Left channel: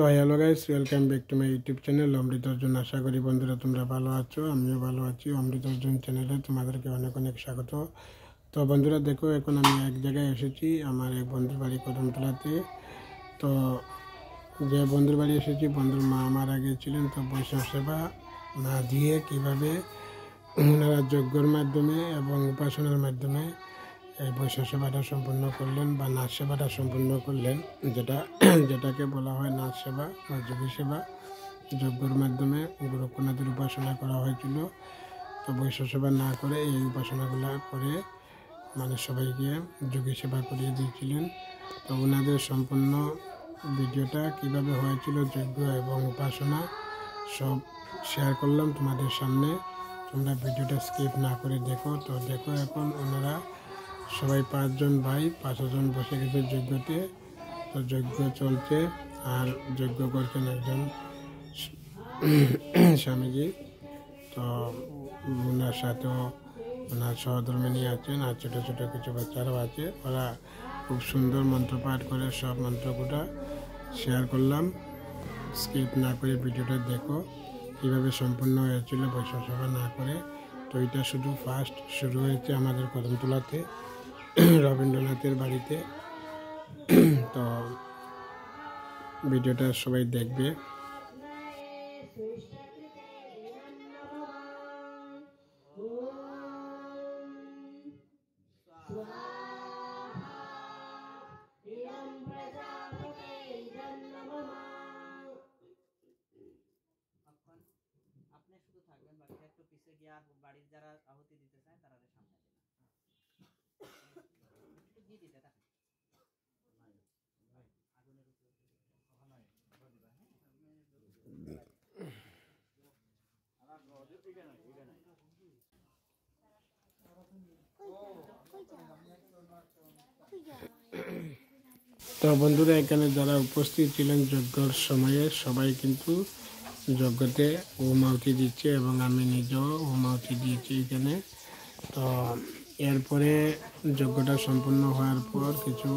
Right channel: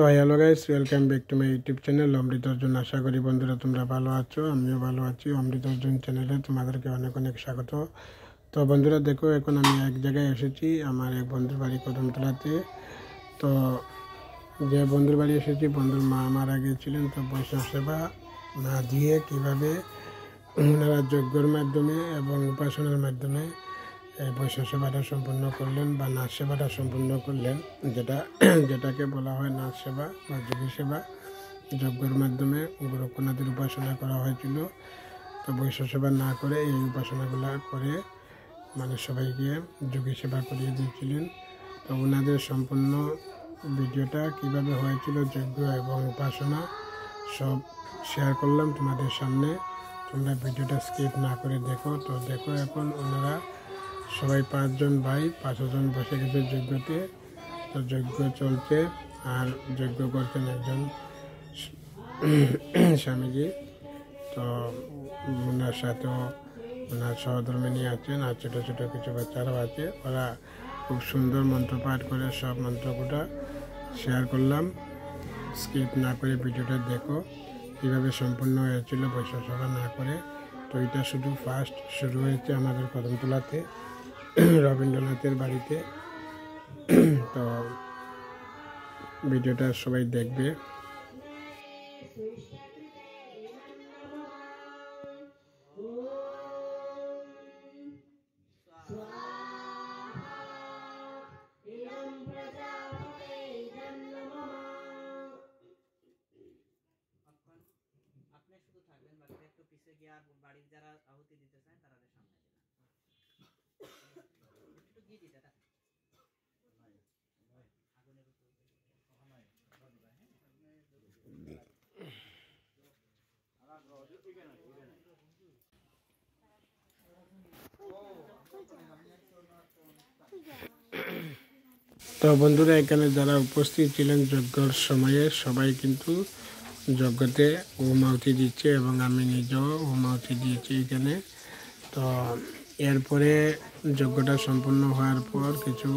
তো hello guys, welcome back to my YouTube channel Amrit Arjun. আশা করি বন্ধুরা তোমরা ভালো আছো, আমিও ভালো আছি। অমৃত অর্জুন চ্যানেলে তোমাদেরকে অনেক অনেক স্বাগত। তো বন্ধুরা দেখো, এখন আমি এক জায়গায় এসেছি, আমার এক বন্ধুর বাড়ি কদমতলাতে। তো যে বন্ধুর বাড়ি এসেছি, বন্ধুর মা মারা গিয়েছিলেন। তো বৈষ্ণব সেবা না দিয়ে কীভাবে ওনারা যজ্ঞর মাধ্যমে এবং উপাসনার মাধ্যমে এই বৈষ্ণব সেবাটা সম্পূর্ণ করলেন বা নাচ সেবাটা সম্পূর্ণ করলেন, যেটাকে বলা হয় নাচ সেবা বা যোগী সেবা। যজ্ঞর মাধ্যমে গোরক্ষনাথের উপাসনা করা হয়েছিল। তো বৈষ্ণব সেবা না করে এই উপাসনাগুলো করে মানে সবাইকে যোগী সেবা করিয়ে দিয়েছিলেন। তো ওনাদের সম্পূর্ণ ভিডিওটা কিভাবে হয়েছিল যজ্ঞ এবং উপাসনা সব শেয়ার করলাম তোমাদের সামনে। তোমরা ভিডিওটা স্কিপ না করে দেখো। তো দেখো, এখন ওনারা সবাই 5 জন ভাই 5 জন বসে গেছে যজ্ঞতে। তো যজ্ঞ চলছে আর যজ্ঞ করছেন একজন স্বামীজি। তো ওনার সাথেও ওনার সহধর্মিনী আছেন আর ছোটো ছোটো কিছু বাচ্চারাও আছে। ওরা খুব সুন্দর মন্ত্রপাঠ করে সব মন্ত্রগুলো শেয়ার করলাম। স্কিপ না করে ভিডিওটা দেখো কীভাবে সম্পূর্ণ হয়েছিল বৈষ্ণব সেবা না করে। তো এটা শুধু ফার্স্ট শুরু হয়েছে আমাদের কদমতলাতে রবীন্দ্রনাথের বাড়িতে। তো ভিডিওটা সবাই দেখবে। আপনি শুধু থাকবেন, বাকি একটু পিছিয়ে গিয়ে আর বাড়ির যারা আহুতি দিতে চায় তারা সামনে দিবেন। একটু গিয়ে দিতে থাকেন আগুনের উপর। তো বন্ধুরা, এখানে যারা উপস্থিত ছিলেন যজ্ঞর সময়ে সবাই কিন্তু যজ্ঞতে হোমাহুতি দিচ্ছে এবং আমি নিজেও হোমাহুতি দিয়েছি এখানে। তো এরপরে যজ্ঞটা সম্পূর্ণ হওয়ার পর কিছু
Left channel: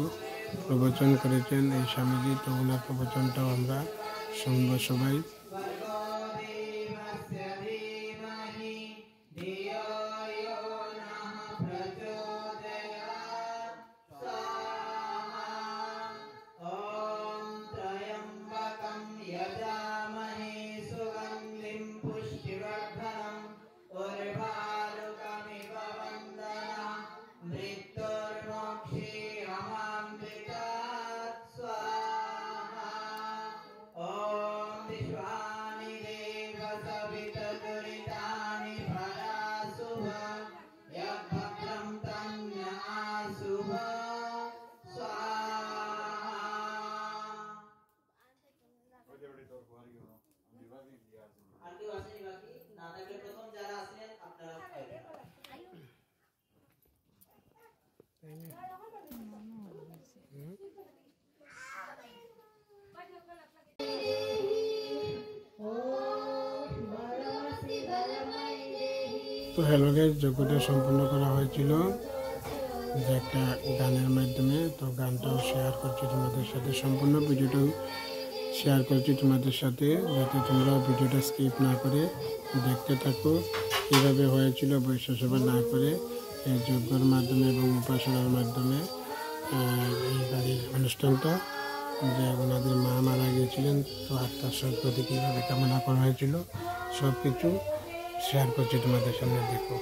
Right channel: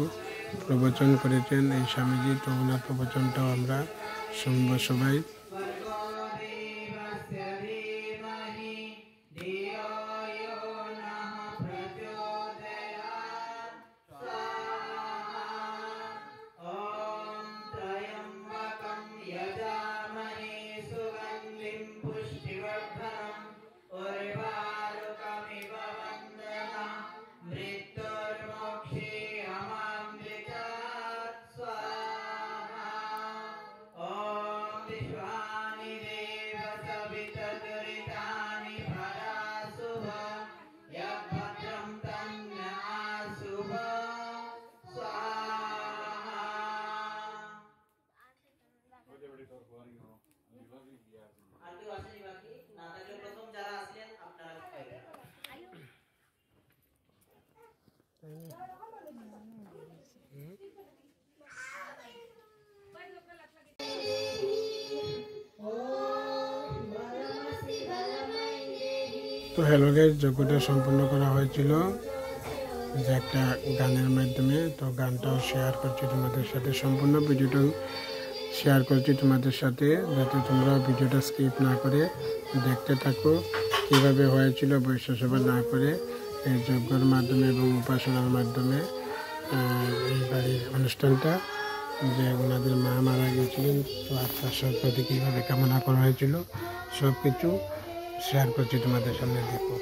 প্রবচন করেছেন এই স্বামীজি। তো ওনার প্রবচনটাও আমরা শুনবো সবাই। আর কেউ আসেনি বাকি? না থাকলে প্রথম যারা আসলেন আপনারা তো হ্যালো গাইস, যজ্ঞটা সম্পূর্ণ করা হয়েছিল যে একটা গানের মাধ্যমে। তো গানটাও শেয়ার করছি তোমাদের সাথে, সম্পূর্ণ ভিডিওটাও শেয়ার করছি তোমাদের সাথে, যাতে তোমরা ভিডিওটা স্কিপ না করে দেখতে থাকো কীভাবে হয়েছিল বৈষ্ণব সেবা না করে এই যজ্ঞর মাধ্যমে এবং উপাসনার মাধ্যমে এই বাড়ির অনুষ্ঠানটা। যে ওনাদের মা মারা গিয়েছিলেন, তো আত্মার সদ্গতি কীভাবে কামনা করা হয়েছিল সব কিছু শেয়ার করছি তোমাদের সামনে, দেখো।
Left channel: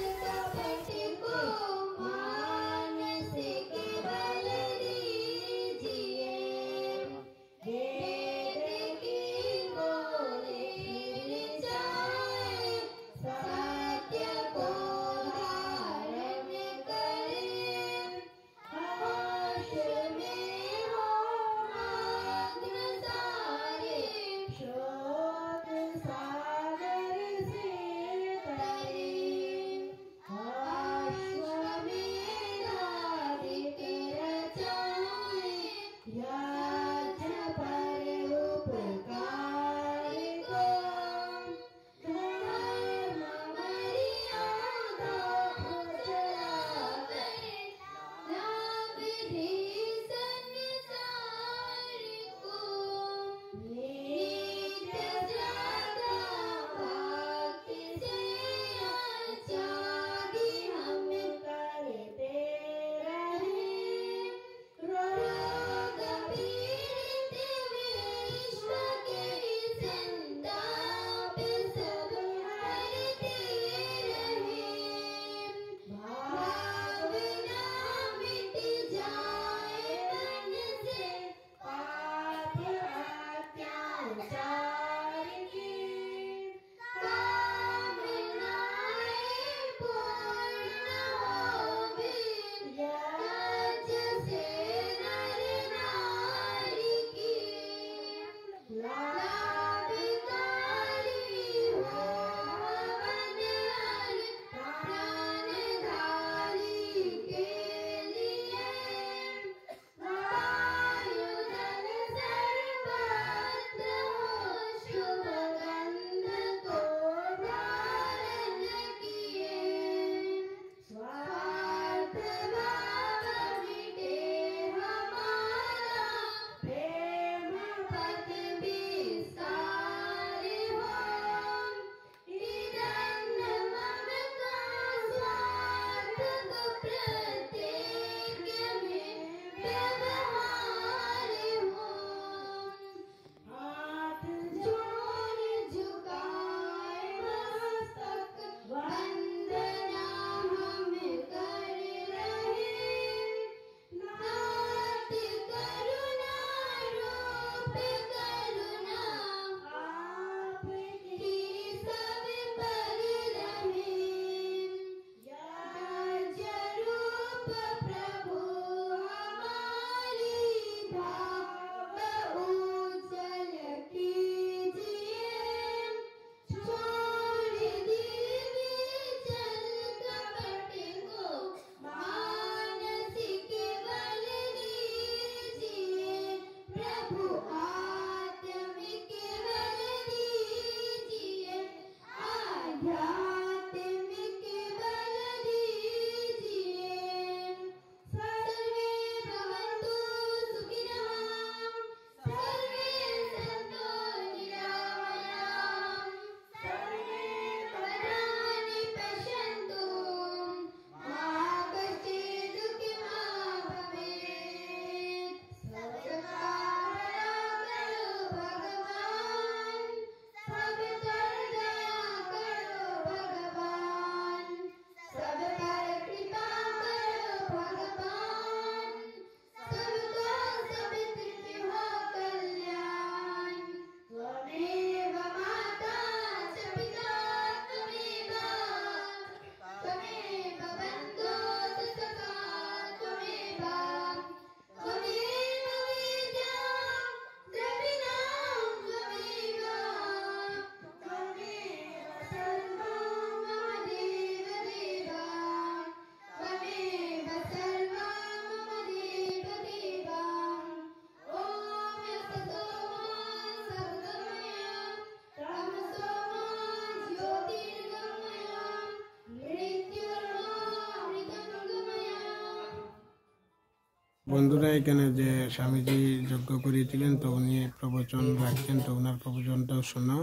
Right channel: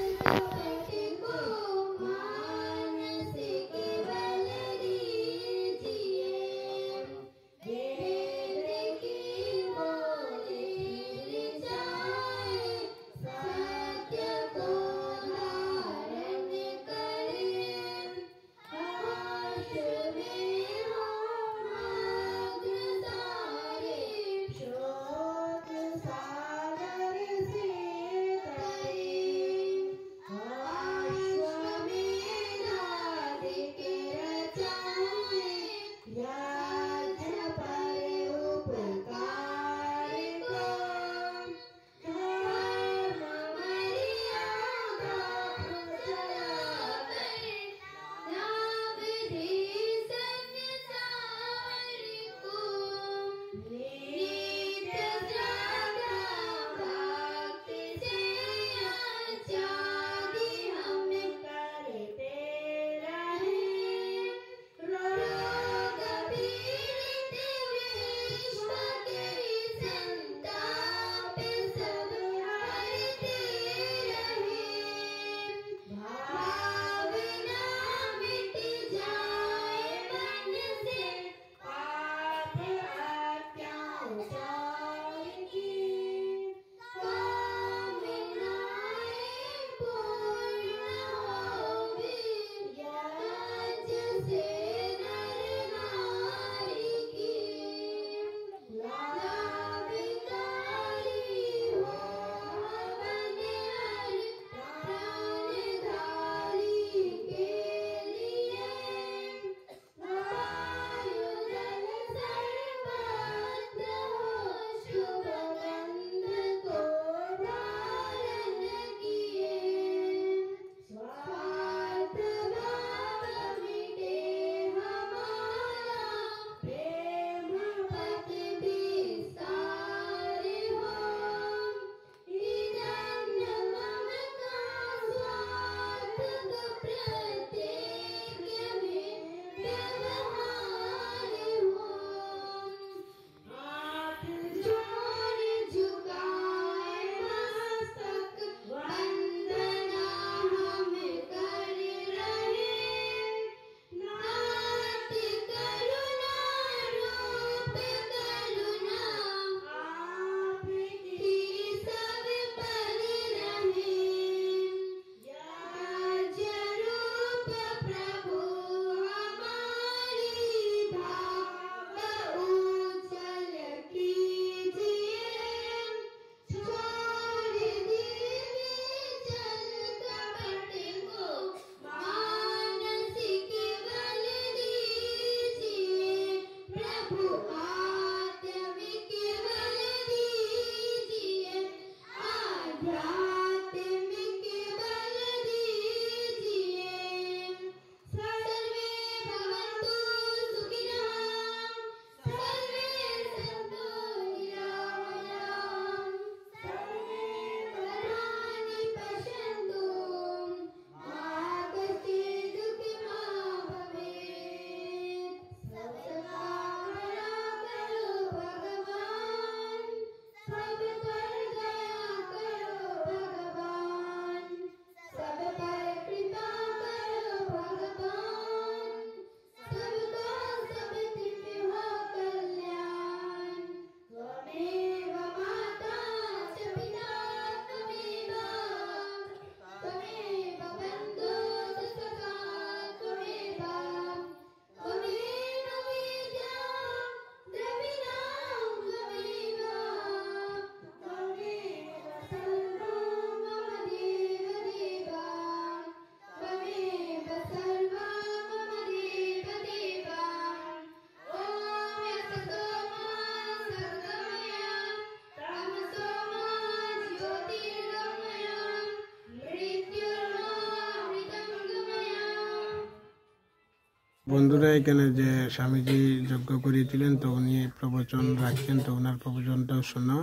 বন্ধুরা, এখানে যে স্বামীজি যজ্ঞ করিয়েছিলেন তো উনি প্রবচন রাখছেন, তো ওনার প্রবচনটাও শোনো।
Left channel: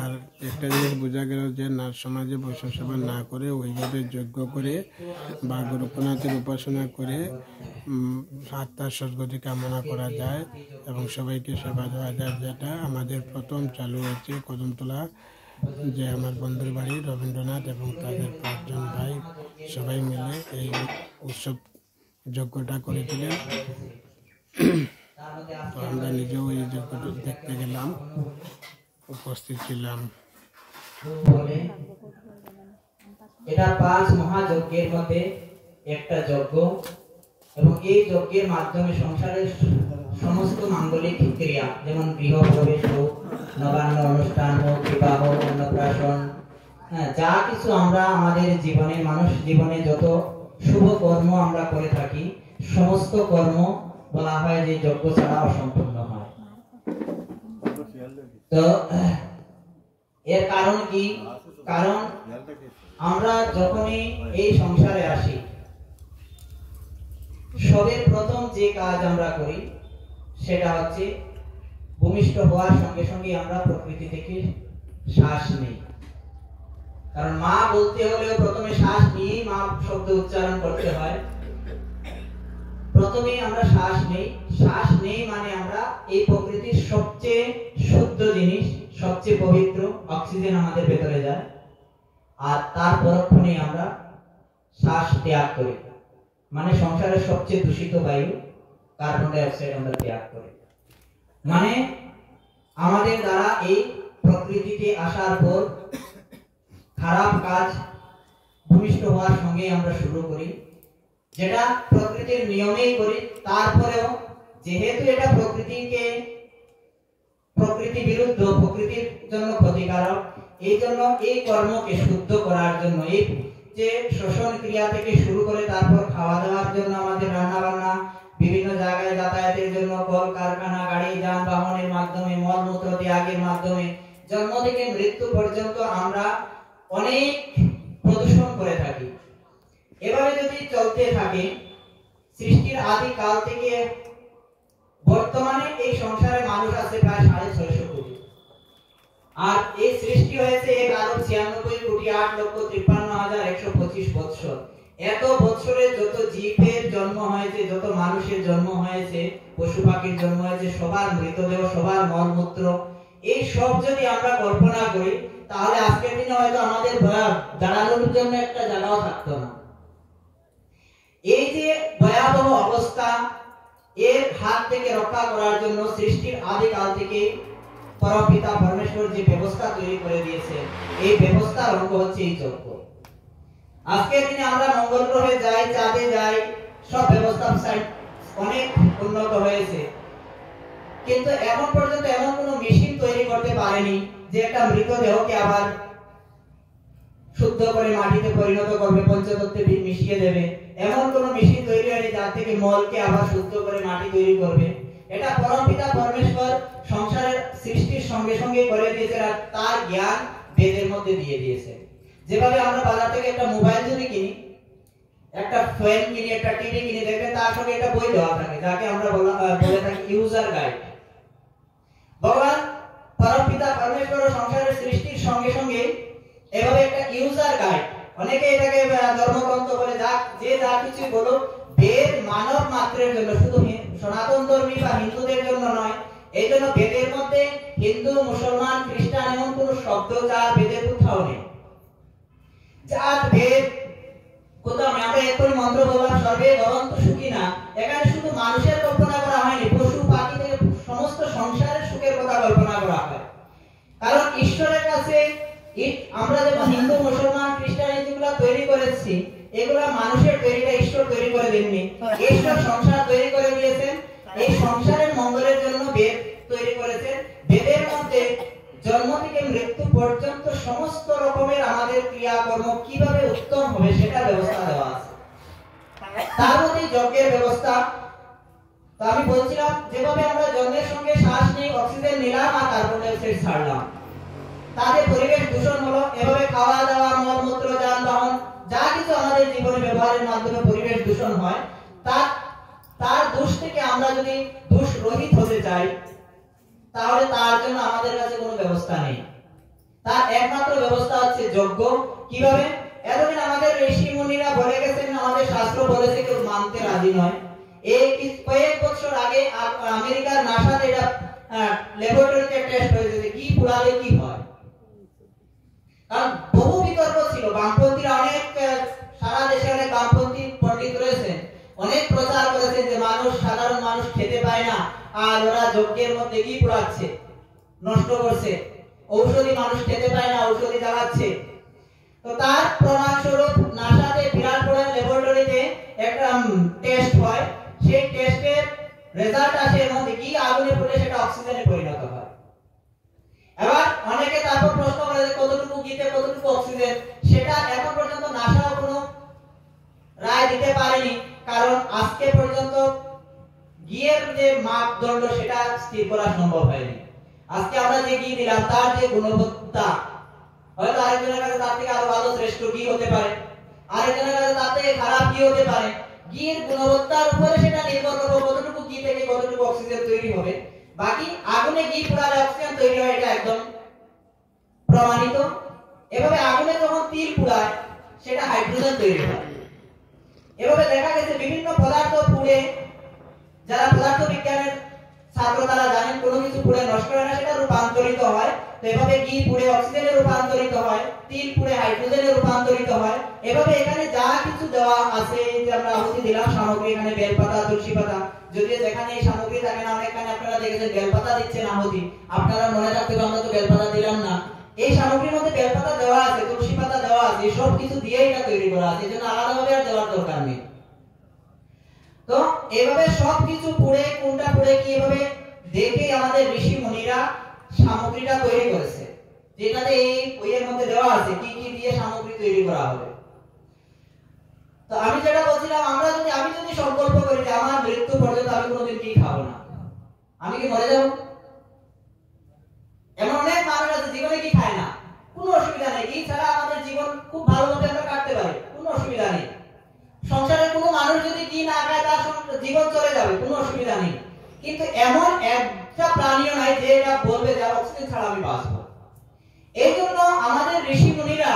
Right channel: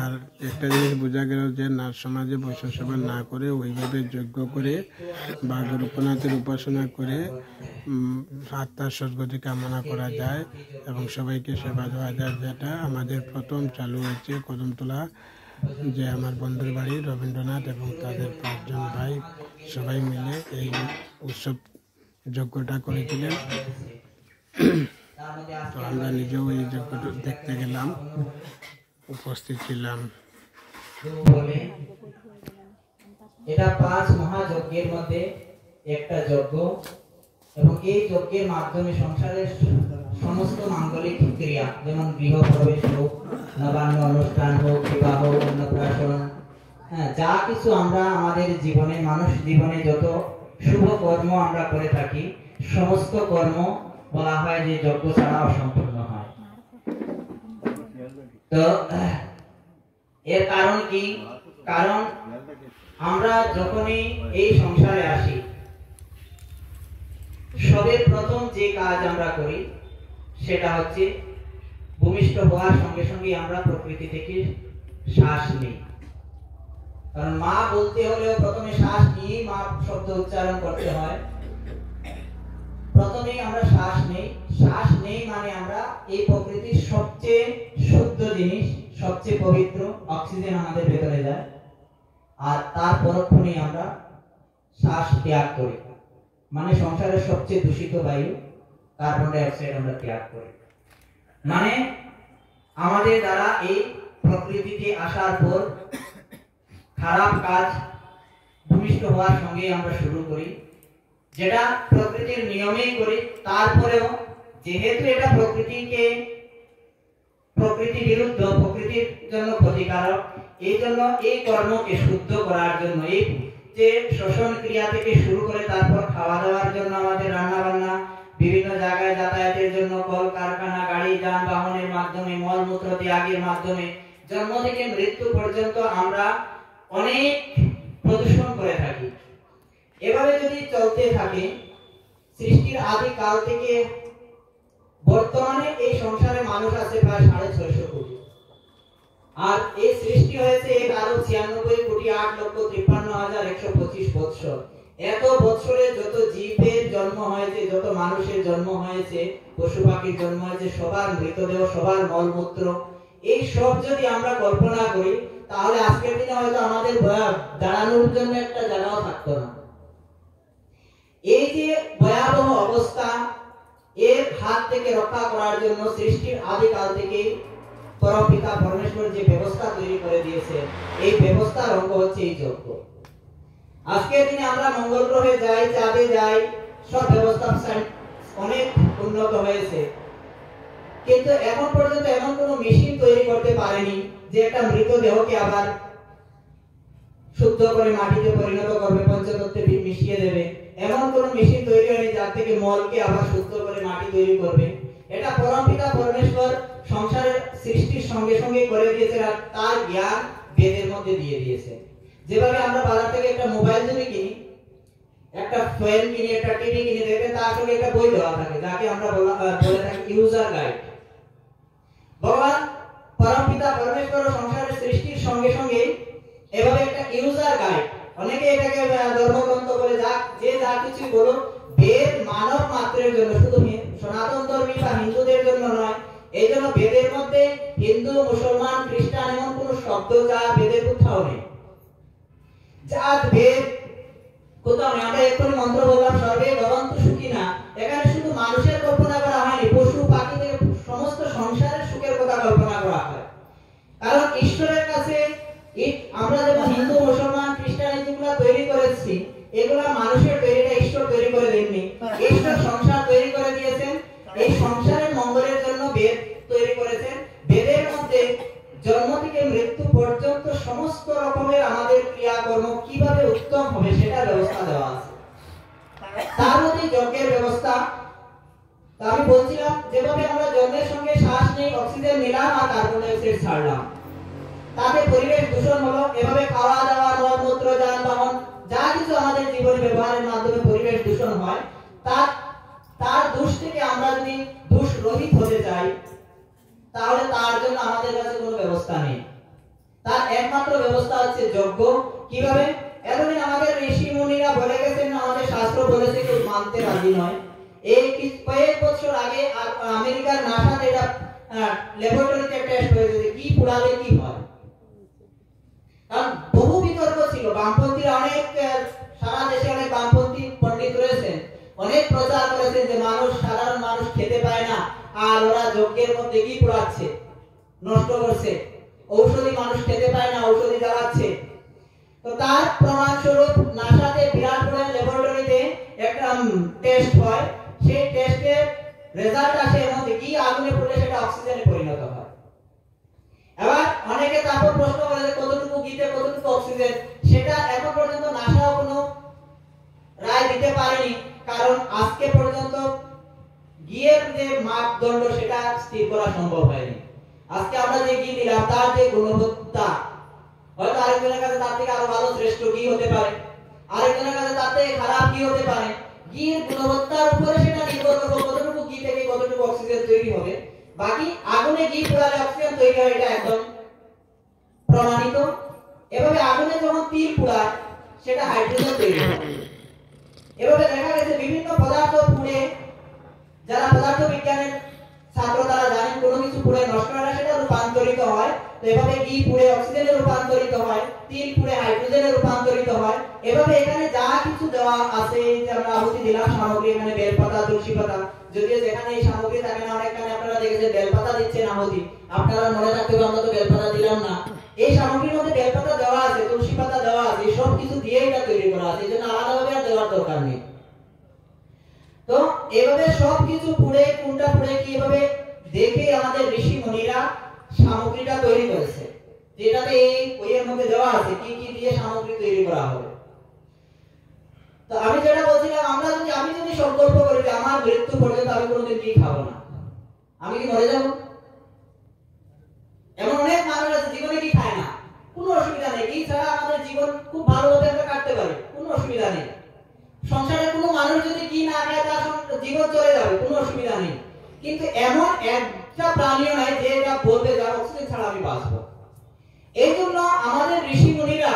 আর একটা জিনিস বোঝা গেল যে নাথ সমাজে বৈষ্ণব সেবা না করে ওইভাবে যজ্ঞ করে বা গোরক্ষনাথের উপাসনা করে আত্মার সদ্গতি কামনা করা যায় এবং সবাইকে সেবা দেওয়া যায়, যেটা আমাদের প্রথম চালু হয়েছে কদমতলা, যে আমার বন্ধুর বাড়ি রবীন্দ্রনাথ এবং তাদের 5 জন ভাই সবাই মিলে এই উৎসব যজ্ঞটা করেছিলেন। তো আমরা নিজেও এই যজ্ঞটা দেখতে গেলাম, উপস্থিত ছিলাম। এটা 5 মহাযজ্ঞের মধ্যে একটা যজ্ঞ এবং এই যজ্ঞের মাধ্যমে সংসারের সমস্ত মাঙ্গলিক ক্রিয়া, যেমন গৃহ প্রবেশ হোক, নবান্ন অনুষ্ঠান হোক, বিবাহ, অন্নপ্রাশন, যা কিছু আমরা আমাদের জীবনে, মানুষ জীবনে যত শুভ কর্ম আমরা করে থাকি, সমস্ত কর্ম বলা হয় যে যজ্ঞ ছাড়া অসম্পূর্ণ হয়। তো এর কারণ কি? কারণ আমরা যখনই এই সংসারে আসি, সবের প্রথম যে কাজ আমরা করি সেটা হচ্ছে ভূমিষ্ঠ হওয়ার সঙ্গে সঙ্গে আমরা প্রকৃতি থেকে শ্বাস নিই। কারণ মা বলতে হলেও প্রথমে শ্বাস নিয়ে মা শব্দ উচ্চারণ করতে হয়। প্রথমে আমরা শ্বাস নেই, শ্বাস নেই মানে আমরা এই প্রকৃতির সবচেয়ে শুদ্ধ জিনিস, সবচেয়ে পবিত্র অক্সিজেন আমাদের ভেতরে যায়, আর তার পরক্ষণে আমরা শ্বাস ত্যাগ করি, মানে সংসারের সবচেয়ে দূষিত বায়ু কার্বন ডাই অক্সাইড আমরা ত্যাগ করি। মানে আমাদের দ্বারা এই প্রকৃতিতে আসার পর খারাপ কাজ ভূমিষ্ঠ হওয়ার সঙ্গে আমরা শুরু করি, যেটা প্রকৃতির নিয়মেই করি। তারপরেও যেহেতু এটা প্রকৃতি বিরুদ্ধ, প্রকৃতির জন্য ক্ষতিকারক, এই জন্য এই কর্মকে শুদ্ধ করার জন্য, এই যে শ্বসন ক্রিয়া থেকে শুরু করে তারপর খাওয়া দাওয়ার জন্য, আমাদের রান্না বান্না, বিভিন্ন জায়গায় যাতায়াতের জন্য, কল কারখানা, গাড়ি যানবাহনের মাধ্যমে, মলমূত্র ত্যাগের মাধ্যমে, জন্ম থেকে মৃত্যু পর্যন্ত আমরা অনেক প্রদূষণ করে থাকি। এভাবে যদি চলতে থাকে, সৃষ্টির আদি কাল থেকে বর্তমানে এই সংসারে মানুষ আছে প্রায় 650 কোটি, আর এই সৃষ্টি হয়েছে 1,96 কোটি 8,53,125 বৎসর। এত বছরে যত জীবের জন্ম হয়েছে, যত মানুষের জন্ম হয়েছে, পশু পাখির জন্ম হয়েছে, সবার মৃতদেহ, সবার মলমূত্র, এই সব যদি আমরা কল্পনা করি, তাহলে আজকের দিনে হয়তো আমাদের দাঁড়ানোর জন্য একটা জায়গাও থাকতো না। এই যে ভয়াবহ অবস্থা, এর হাত থেকে রক্ষা করার জন্য সৃষ্টির আদি কাল থেকে পরমপিতা পরমেশ্বর যে ব্যবস্থা তৈরি করে দিয়েছে, এই ব্যবস্থার অঙ্গ হচ্ছে এই যজ্ঞ। আজকের দিনে আমরা মঙ্গল গ্রহে যাই, চাঁদে যাই, সব ব্যবস্থা অনেক উন্নত হয়েছে, কিন্তু এখন পর্যন্ত এমন কোনো মেশিন তৈরি করতে পারেনি যে একটা মৃতদেহকে আবার শুদ্ধ করে মাটিতে পরিণত করবে, পঞ্চতত্ত্বে মিশিয়ে দেবে। এমন কোনো মেশিন তৈরি হয়নি যার থেকে মলকে আবার শুদ্ধ করে মাটি তৈরি করবে। এটা পরমপিতা পরমেশ্বর সংসারের সৃষ্টির সঙ্গে সঙ্গে করে দিয়েছে, আর তার জ্ঞান বেদের মধ্যে দিয়ে দিয়েছে। যেভাবে আমরা বাজার থেকে একটা মোবাইল যদি কিনি, একটা ফ্যান কিনি, একটা টিভি কিনি, দেখবেন তার সঙ্গে একটা বই দেওয়া থাকে, যাকে আমরা বলে থাকি ইউজার গাইড। ভগবান পরমপিতা পরমেশ্বর সংসারের সৃষ্টির সঙ্গে সঙ্গে এভাবে একটা ইউজার গাইড, অনেকে এটাকে ধর্মগ্রন্থ বলে, যে যা কিছু বলো, বেদ মানব মাত্রের জন্য, শুধু সনাতন ধর্মী বা হিন্দুদের জন্য নয়। এই জন্য বেদের মধ্যে হিন্দু, মুসলমান, খ্রিস্টান এমন কোন শব্দ যা বেদের কোথাও নেই। জাত ভেদ কোথাও না। আমরা এক্ষুনি মন্ত্র বললাম, সর্বে ভবন্তু সুখিনা, এখানে শুধু মানুষের কল্পনা করা হয়নি, পশু পাখি থেকে সমস্ত সংসারের সুখের কথা কল্পনা করা হয়। কারণ ঈশ্বরের কাছে আমরা যেমন হিন্দু, মুসলমান, খ্রিস্টান যেগুলো তৈরি করেছি, এগুলা মানুষের তৈরিটা ঈশ্বর তৈরি করে দেননি। ঈশ্বর সংসার তৈরি করে দিয়েছেন, এই সংসারের মঙ্গলের জন্য বেদ তৈরি করেছেন। বেদের মধ্যে জন্ম থেকে মৃত্যু পর্যন্ত সমস্ত রকমের আমাদের ক্রিয়াকর্ম কিভাবে উত্তম হবে সেটা ব্যবস্থা দেওয়া আছে। তার মধ্যে যজ্ঞের ব্যবস্থা। তো আমি বলছিলাম, যেভাবে আমরা জন্মের সঙ্গে শ্বাস নিই, অক্সিজেন নিলাম আর কার্বন ডাই অক্সাইড ছাড়লাম, তাতে পরিবেশ দূষণ হলো। এভাবে খাওয়া দাওয়া, মলমূত্র, যানবাহন, যা কিছু আমাদের জীবনে ব্যবহারের মাধ্যমে পরিবেশ দূষণ হয়, তার তাহলে তার জন্য আমাদের কাছে কোনো ব্যবস্থা নেই। তার একমাত্র ব্যবস্থা হচ্ছে যজ্ঞ। কিভাবে? এতদিন আমাদের ঋষি মুনিরা বলে গেছেন, আমাদের শাস্ত্র বলেছে, কেউ মানতে রাজি নয়। এই কয়েক বছর আগে আমেরিকার নাসাতে এটা ল্যাবরেটরিতে টেস্ট হয়েছে কি পুরালে কি হয়। কারণ বহু বিতর্ক ছিল, বামপন্থীরা অনেক, সারা দেশে অনেক বামপন্থী পণ্ডিত রয়েছেন, অনেক প্রচার করেছেন যে মানুষ, সাধারণ মানুষ খেতে পায় না, আর ওরা যজ্ঞের মধ্যে কি পুরাচ্ছে, নষ্ট করছে, ঔষধি মানুষ খেতে পায় না, ঔষধি জ্বালাচ্ছে। তো তার প্রমাণ স্বরূপ নাসাতে বিরাট বড় ল্যাবরেটরিতে একটা টেস্ট হয়, সেই টেস্টের রেজাল্ট আসে এর মধ্যে কি আগুনে পুড়ে সেটা অক্সিজেনে পরিণত হয়। এবার অনেকে তারপর প্রশ্ন করে যে কতটুকু ঘিতে কতটুকু অক্সিজেন, সেটা এখন পর্যন্ত নাসাও কোনো রায় দিতে পারেনি, কারণ আজকে পর্যন্ত ঘিয়ের যে মাপদণ্ড সেটা স্থির করা সম্ভব হয়নি। আজকে আমরা যে ঘি দিলাম তার যে গুণবত্তা, হয়তো আরেকজনের কাছে তার থেকে আরো ভালো শ্রেষ্ঠ ঘি হতে পারে, আরেকজনের কাছে তার থেকে খারাপ ঘি হতে পারে। ঘির গুণবত্তার উপরে সেটা নির্ভর করবে কতটুকু ঘি থেকে কতটুকু অক্সিজেন তৈরি হবে। বাকি আগুনে ঘি পুরালে অক্সিজেন তৈরি হয়, এটা একদম প্রমাণিত। এভাবে আগুনে যখন তিল পুরায় সেটা হাইড্রোজেন তৈরি হয়। এভাবে দেখা গেছে বিভিন্ন পদার্থ পুড়ে, যারা পদার্থ বিজ্ঞানের ছাত্র তারা জানেন কোনো কিছু পুড়ে নষ্ট হয় না, সেটা রূপান্তরিত হয়। তো এভাবে ঘি পুড়ে অক্সিজেনে রূপান্তরিত হয়, তিল পুড়ে হাইড্রোজেনে রূপান্তরিত হয়। এভাবে এখানে যা কিছু দেওয়া আছে, যে আমরা আহুতি দিলাম সামগ্রী, এখানে বেলপাতা, তুলসী পাতা, যদিও যেখানে এই সামগ্রী থাকে না, অনেকখানে আপনারা দেখেছেন বেলপাতা দিচ্ছেন আহুতি, আপনারা মনে রাখতে হবে আমরা তো বেলপাতা দিলাম না। এই সামগ্রীর মধ্যে বেলপাতা দেওয়া আছে, তুলসী পাতা দেওয়া আছে, সব কিছু দিয়েই এটা তৈরি করা আছে, এজন্য আলাদাভাবে আর দেওয়ার দরকার নেই। তো এভাবে সবকিছু পুড়ে কোনটা পুড়ে কি এভাবে দেখে আমাদের ঋষি মুনিরা সামগ্রীটা তৈরি করেছে, যেটাতে এই বইয়ের মধ্যে দেওয়া আছে কি কি দিয়ে সামগ্রী তৈরি করা হবে। তো আমি যেটা বলছিলাম, আমি যদি সংকল্প করি যে আমার মৃত্যু পর্যন্ত আমি কোনোদিন ঘি খাবো না, আমি কি মরে যাব? এমন অনেক মানুষ আছে জীবনে কি খায় না, কোনো অসুবিধা নেই, ঘি ছাড়া আমাদের জীবন খুব ভালোভাবে আমরা কাটতে পারি, কোনো অসুবিধা নেই। সংসারে কোনো মানুষ যদি ঘি না খায় তার জীবন চলে যাবে, কোনো অসুবিধা নেই। কিন্তু এমন একটা প্রাণীও নাই যে এটা বলবে যে অক্সিজেন ছাড়া আমি বাঁচবো। এই জন্য আমাদের ঋষি মুনিরা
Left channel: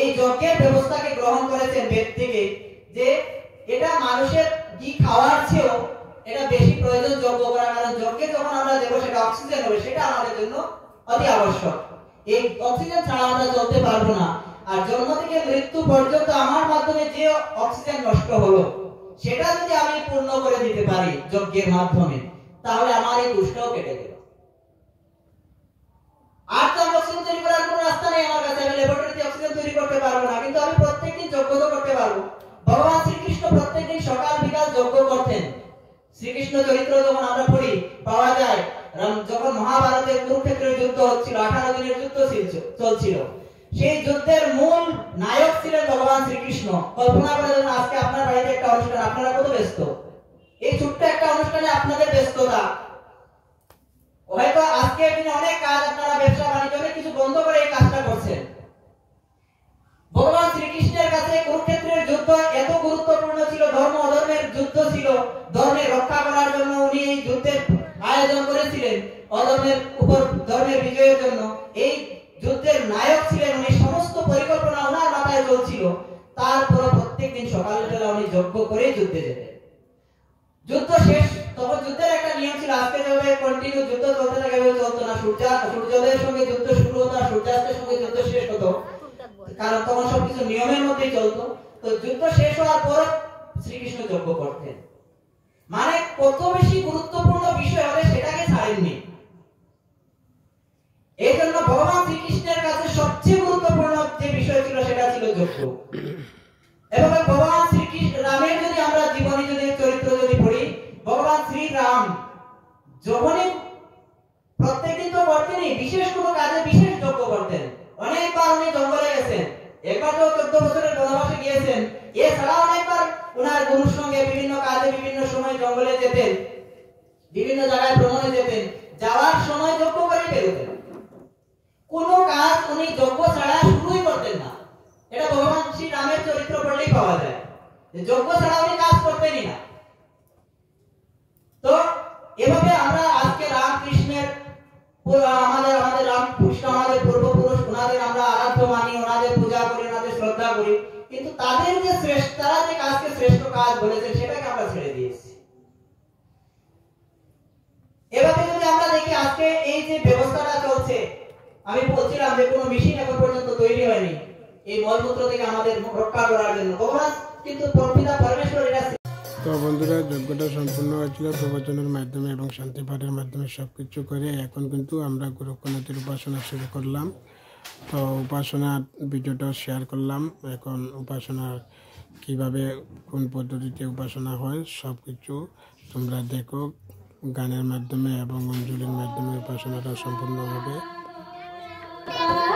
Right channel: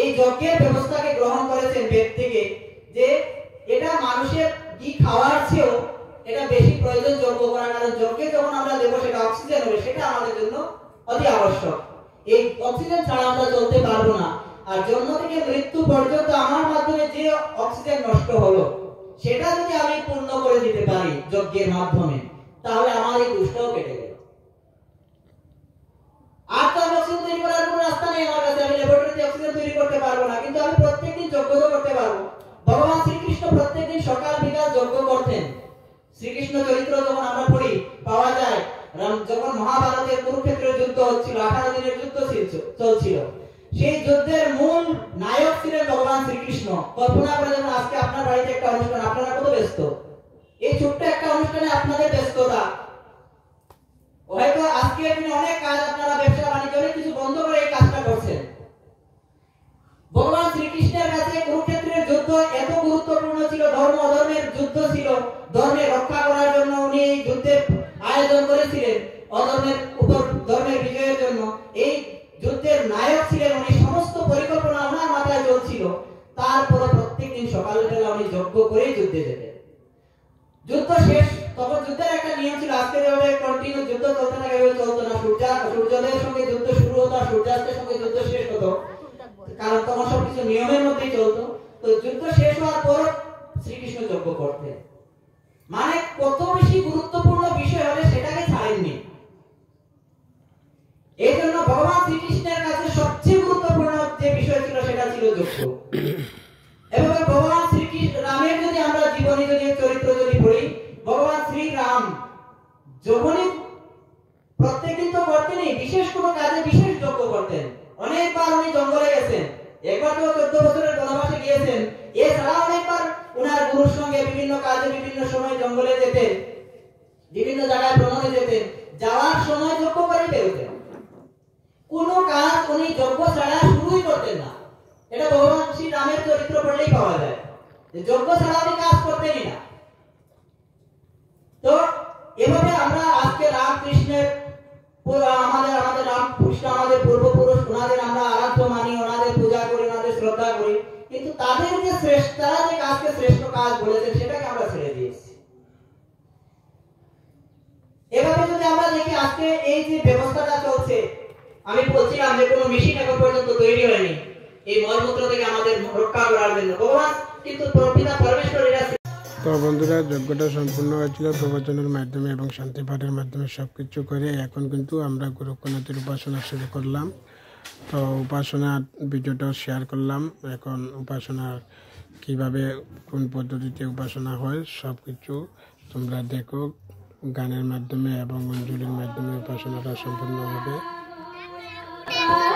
এই যজ্ঞের ব্যবস্থাকে গ্রহণ করেছেন বেদ থেকে, যে এটা মানুষের ঘি খাওয়ার চেয়েও এটা বেশি প্রয়োজন যজ্ঞ করা, কারণ যজ্ঞে যখন আমরা দেবো সেটা অক্সিজেন হবে, সেটা আমাদের জন্য অতি আবশ্যক। এই অক্সিজেন ছাড়া আমরা চলতে পারবো না। আর জন্ম থেকে মৃত্যু পর্যন্ত আমার মাধ্যমে যে অক্সিজেন নষ্ট হলো সেটা যদি আমি পূর্ণ করে দিতে পারি যজ্ঞের মাধ্যমে, তাহলে আমার এই দুষ্টাও কেটে গেল। আর তো অক্সিজেন তৈরি করার কোনো রাস্তা নেই আমার কাছে, আমি ল্যাবরেটরিতে অক্সিজেন তৈরি করতে পারবো না, কিন্তু আমি প্রত্যেকদিন যজ্ঞ করতে পারবো। ভগবান শ্রীকৃষ্ণ প্রত্যেকদিন সকাল বিকাল যজ্ঞ করতেন। শ্রীকৃষ্ণ চরিত্র যখন আমরা পড়ি পাওয়া যায়, যখন মহাভারতের কুরুক্ষেত্রের যুদ্ধ হচ্ছিল, 18 দিনের যুদ্ধ চলছিল, সেই যুদ্ধের মূল নায়ক ছিলেন ভগবান শ্রীকৃষ্ণ। কল্পনা করে দেখুন আজকে আপনার বাড়িতে একটা অনুষ্ঠান, আপনারা কত ব্যস্ত, এই ছোট্ট একটা অনুষ্ঠানে আপনাদের ব্যস্ততা, হয়তো আজকে দিনে অনেক কাজ, আপনারা ব্যবসা বাণিজ্য অনেক কিছু বন্ধ করে এই কাজটা করছেন। ভগবান শ্রীকৃষ্ণের কাছে কুরুক্ষেত্রের যুদ্ধ এত গুরুত্বপূর্ণ ছিল, ধর্ম অধর্মের যুদ্ধ ছিল, ধর্মের রক্ষা করার জন্য উনি এই যুদ্ধের আয়োজন করেছিলেন, অধর্মের উপর ধর্মের বিজয়ের জন্য এই যুদ্ধের নায়ক ছিলেন উনি, সমস্ত পরিকল্পনা ওনার মাথায় চলছিল। তারপর প্রত্যেকদিন সকালবেলা উনি যজ্ঞ করে যুদ্ধে যেতেন। যুদ্ধ শেষ, তখন যুদ্ধের একটা নিয়ম ছিল, আজকে যেভাবে কন্টিনিউ যুদ্ধ চলতে থাকে এভাবে চলতো না, সূর্যোদয়ের সঙ্গে যুদ্ধ শুরু হতো আর সূর্যাস্তের সঙ্গে যুদ্ধ শেষ হতো, কারণ তখন সবকিছু নিয়মের মধ্যেই চলতো। তো যুদ্ধ শেষ হওয়ার পর শ্রীকৃষ্ণ যজ্ঞ করতেন, মানে কত বেশি গুরুত্বপূর্ণ বিষয় হবে সেটাকে ছাড়েননি। এই জন্য ভগবান শ্রীকৃষ্ণের কাছে সবচেয়ে গুরুত্বপূর্ণ যে বিষয় ছিল সেটা ছিল যজ্ঞ। এবং ভগবান শ্রীকৃষ্ণ রামের যদি আমরা জীবনী যদি চরিত্র যদি পড়ি, ভগবান শ্রীরাম যখনই প্রত্যেকদিন তো করতেনই, বিশেষ কোনো কাজে বিশেষ যজ্ঞ করতেন। অনেকবার উনি জঙ্গলে গেছেন, একবার তো 14 বছরের বনবাসে গিয়েছেন, এছাড়া অনেকবার ওনার গুরুর সঙ্গে বিভিন্ন কাজে বিভিন্ন সময় জঙ্গলে যেতেন, বিভিন্ন জায়গায় ভ্রমণে যেতেন, যাওয়ার সময় যজ্ঞ করে বেরোতেন। কোনো কাজ উনি যজ্ঞ ছাড়া শুরুই করতেন না। এটা ভগবান শ্রী রামের চরিত্র পড়লেই পাওয়া যায় যে যজ্ঞ ছাড়া উনি কাজ করতেনই না। তো এভাবে আমরা আজকে রামকৃষ্ণের আমাদের আমাদের রামকৃষ্ণ আমাদের পূর্বপুরুষ, ওনাদের আমরা আরাধ্য মানি, ওনাদের পূজা করি, ওনাদের শ্রদ্ধা করি, কিন্তু তাদের যে শ্রেষ্ঠ, তারা যে কাজকে শ্রেষ্ঠ কাজ বলেছেন সেটাকে আমরা ছেড়ে দিয়েছি। এভাবে যদি আমরা দেখি আজকে এই যে ব্যবস্থাটা চলছে, আমি বলছিলাম যে কোনো মেশিন এখন পর্যন্ত তৈরি হয়নি এই মলমূত্র থেকে আমাদের রক্ষা করার জন্য। ভগবান কিন্তু পিতা পরমেশ্বর এরা। তো বন্ধুরা, যজ্ঞটা সম্পূর্ণ হয়েছিল প্রবচনের মাধ্যমে এবং শান্তি পাঠের মাধ্যমে সব কিছু করে। এখন কিন্তু আমরা গোরক্ষনাথের উপাসনা শুরু করলাম। তো উপাসনার ভিডিওটাও শেয়ার করলাম। এখন উপাসনার কিভাবে কোন পদ্ধতিতে উপাসনা হয় সব কিছু তোমরা দেখো। গানের মাধ্যমে এবং অঞ্জলির মাধ্যমে উপাসনাটা সম্পূর্ণ হবে। Jai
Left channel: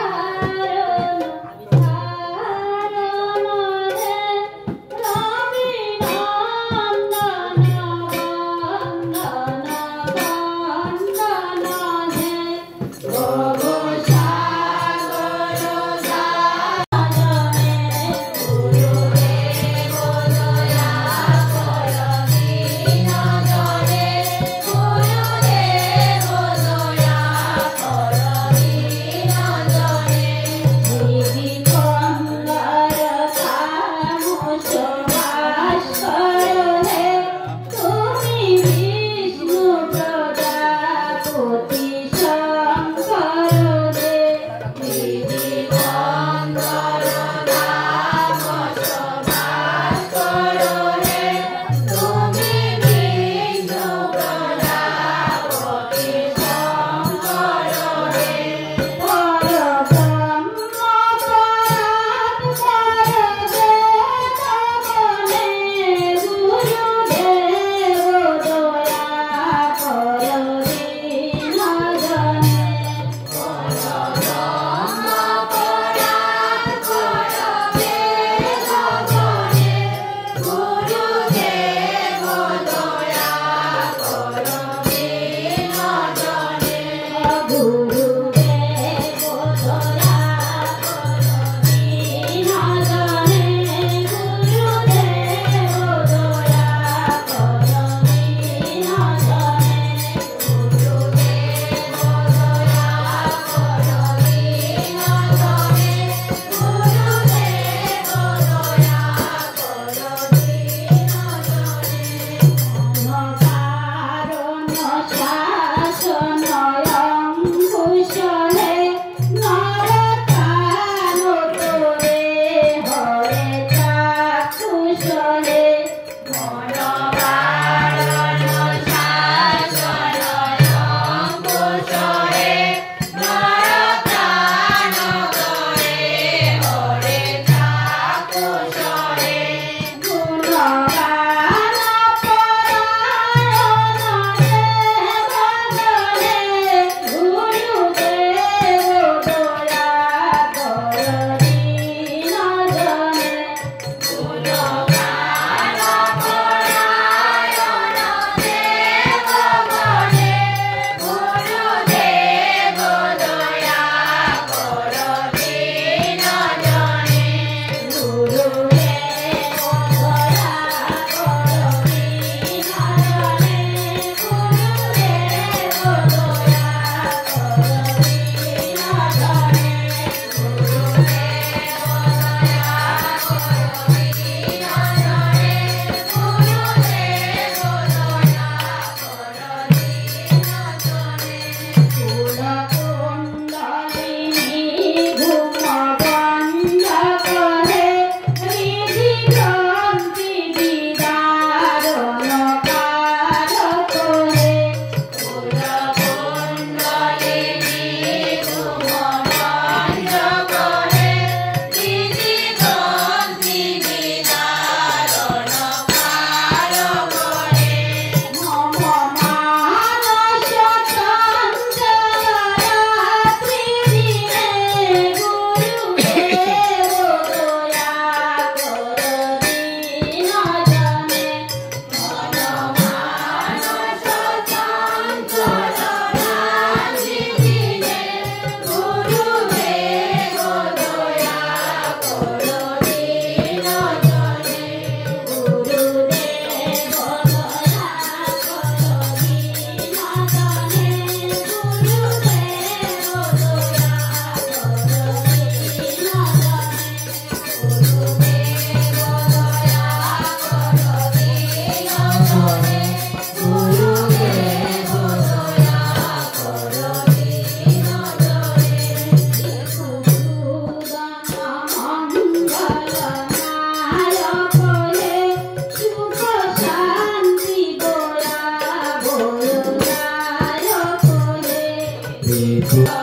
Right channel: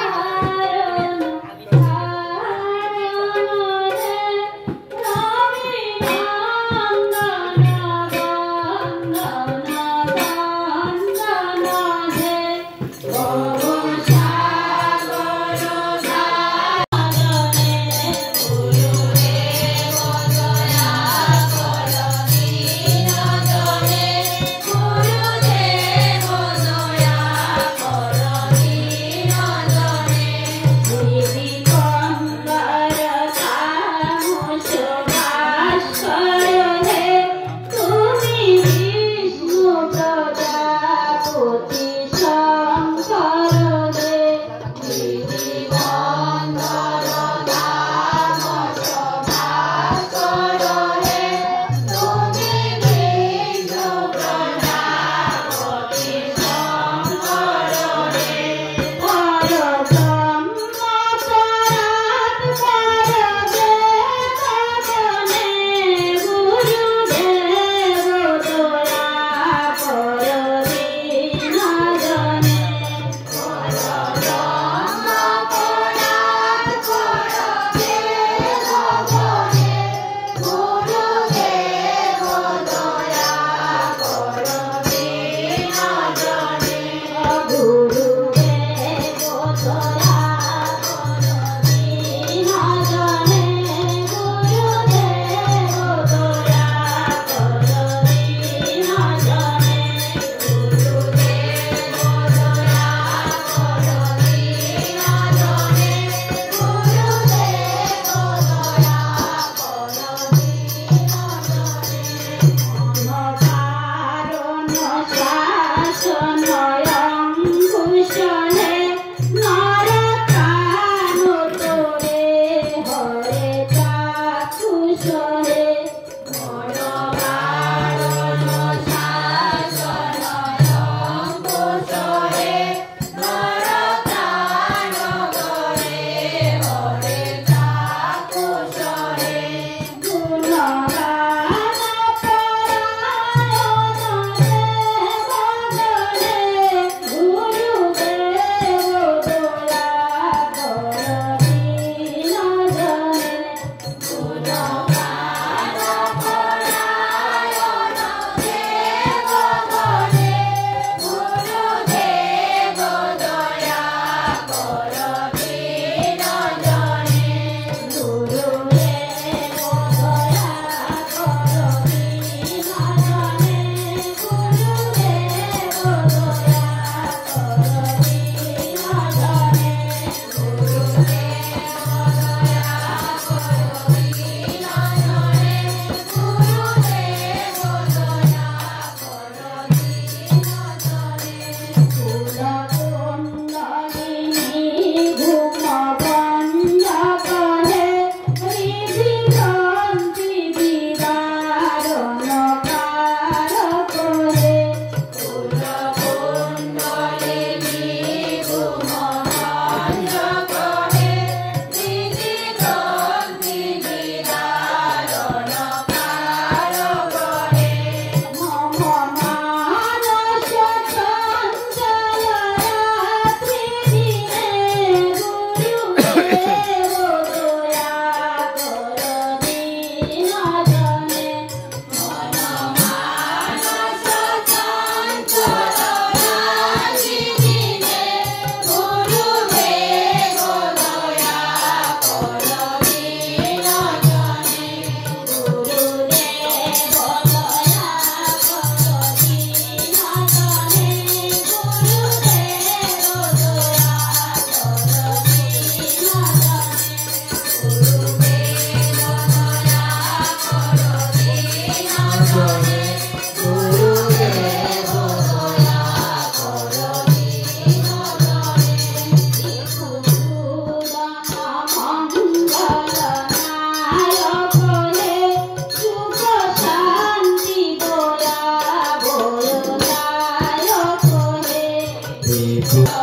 Gurudev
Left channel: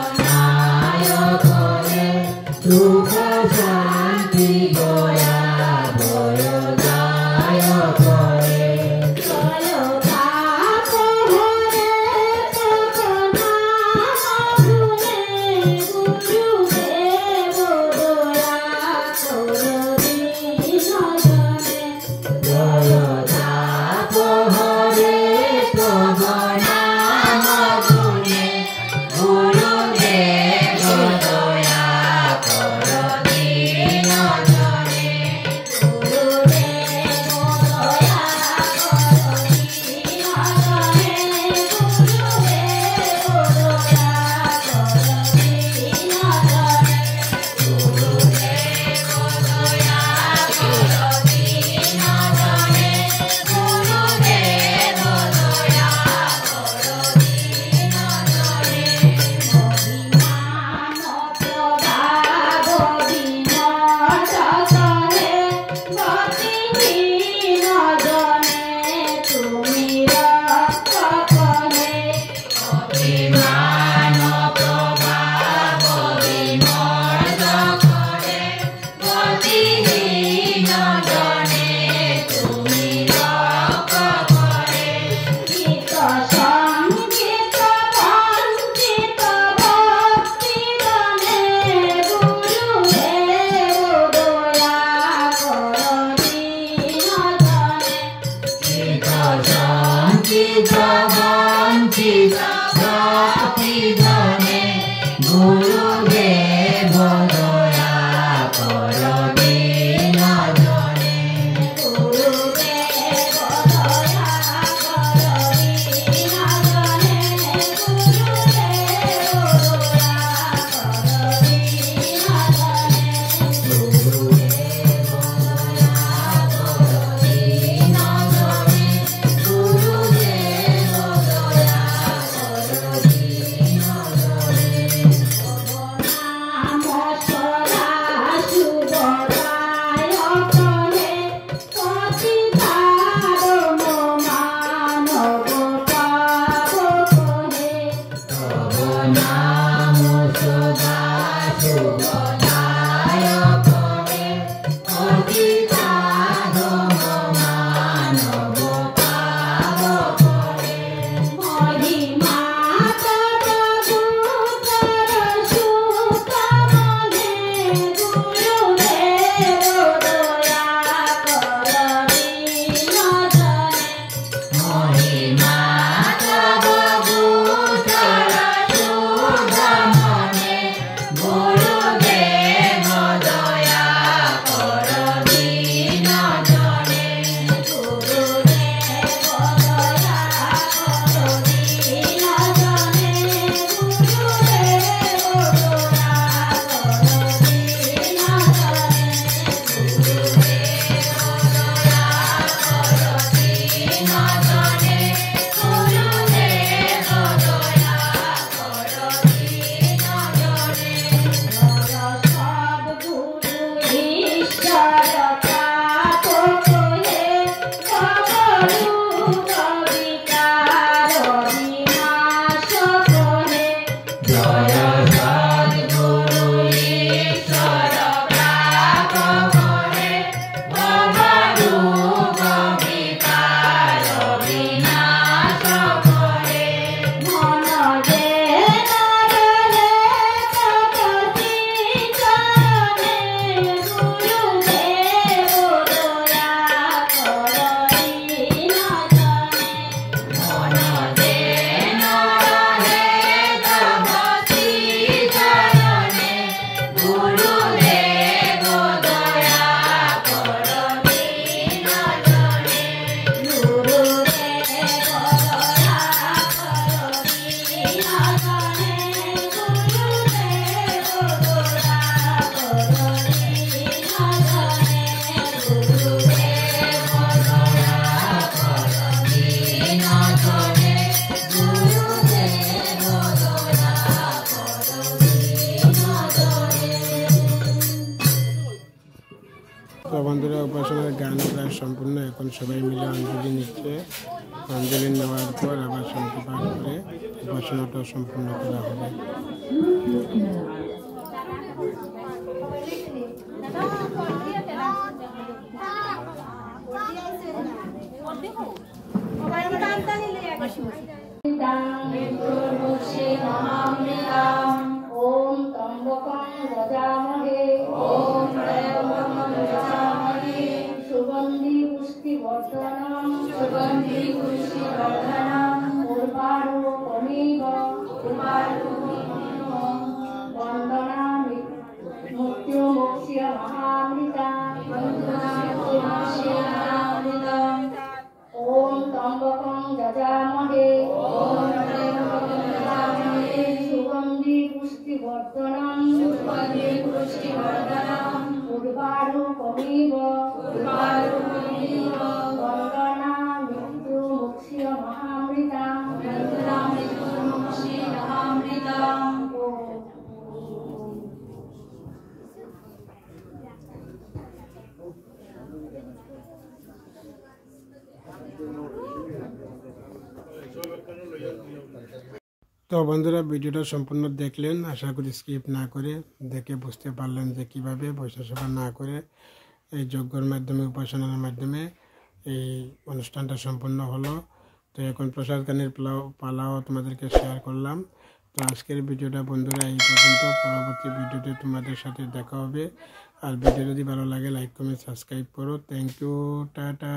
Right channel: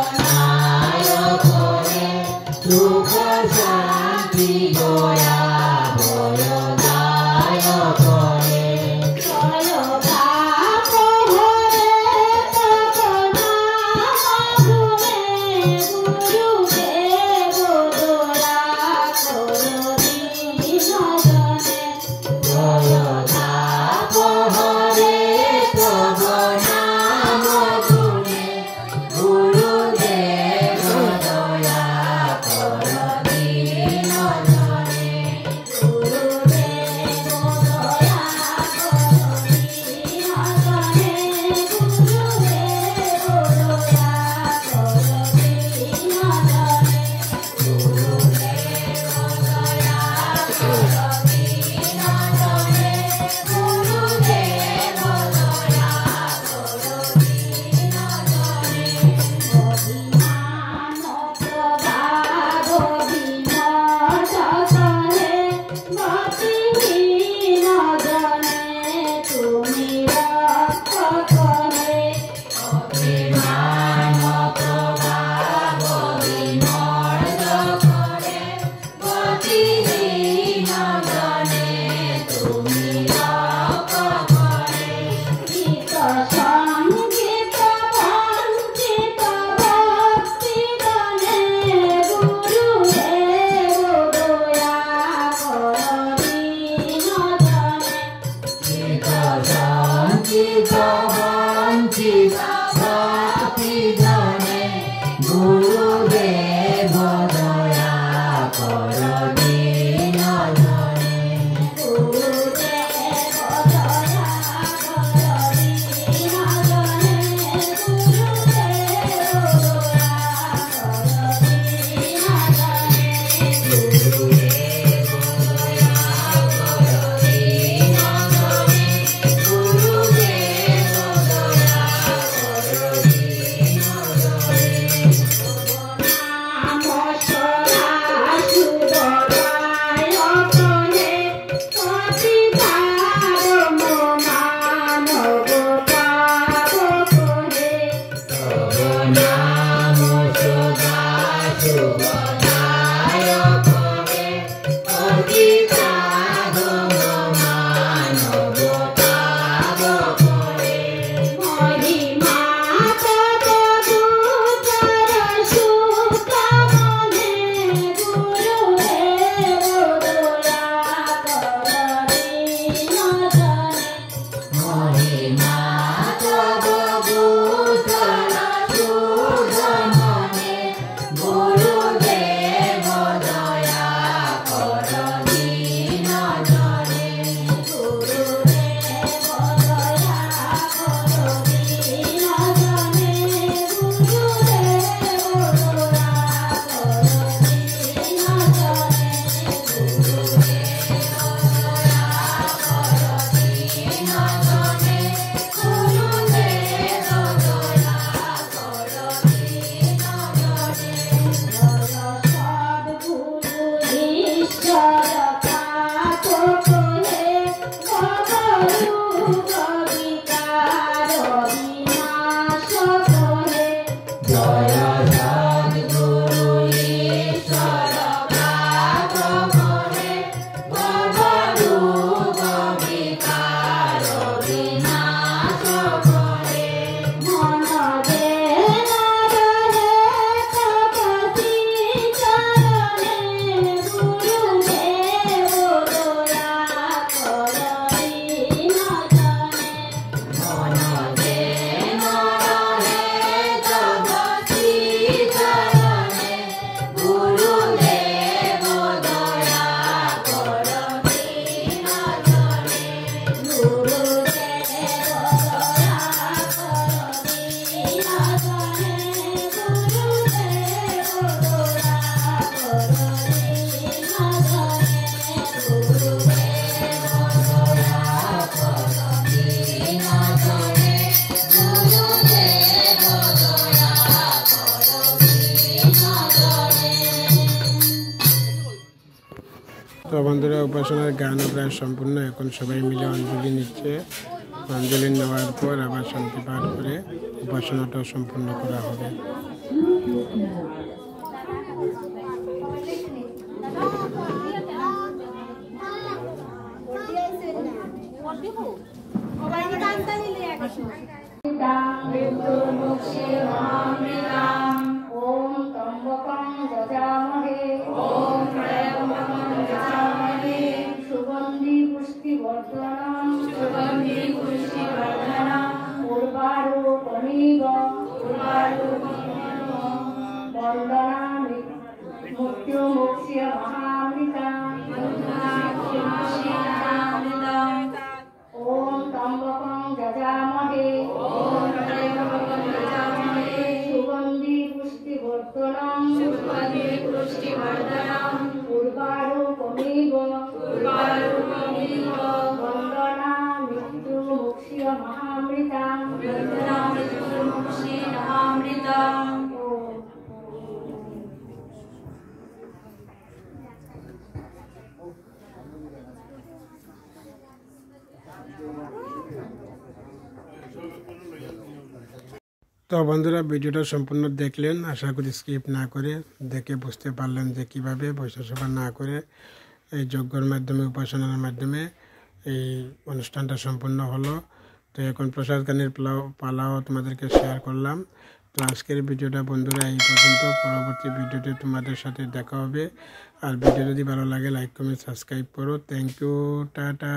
তো বন্ধুরা উপাসনার গানও প্রায় সম্পূর্ণ, এখন সবাই মিলে অঞ্জলি নিচ্ছে। অঞ্জলি নেওয়ার পর আবার শান্তি পাঠ করে উপাসনাটাও সম্পূর্ণ করা হবে। তো বন্ধুরা ভিডিওটা সম্পূর্ণ দেখলেন, আশা করি স্কিপ না করে দেখে বুঝতে পারলেন যে কীভাবে বৈষ্ণব না করে এই যজ্ঞের মাধ্যমে উপাসনার মাধ্যমে এই অনুষ্ঠানটা সম্পূর্ণ হলো। তো এখন প্রসাদ গানের পালাও তোমাদেরকে শেয়ার করলাম। তো আজকের ভিডিওটা বন্ধুরা এই পর্যন্ত, পরবর্তী ভিডিওতে তোমাদের সাথে দেখা হবে। আর ভিডিও যদি ভালো লাগে লাইক কমেন্ট সাবস্ক্রাইব করো। Thank you, tata.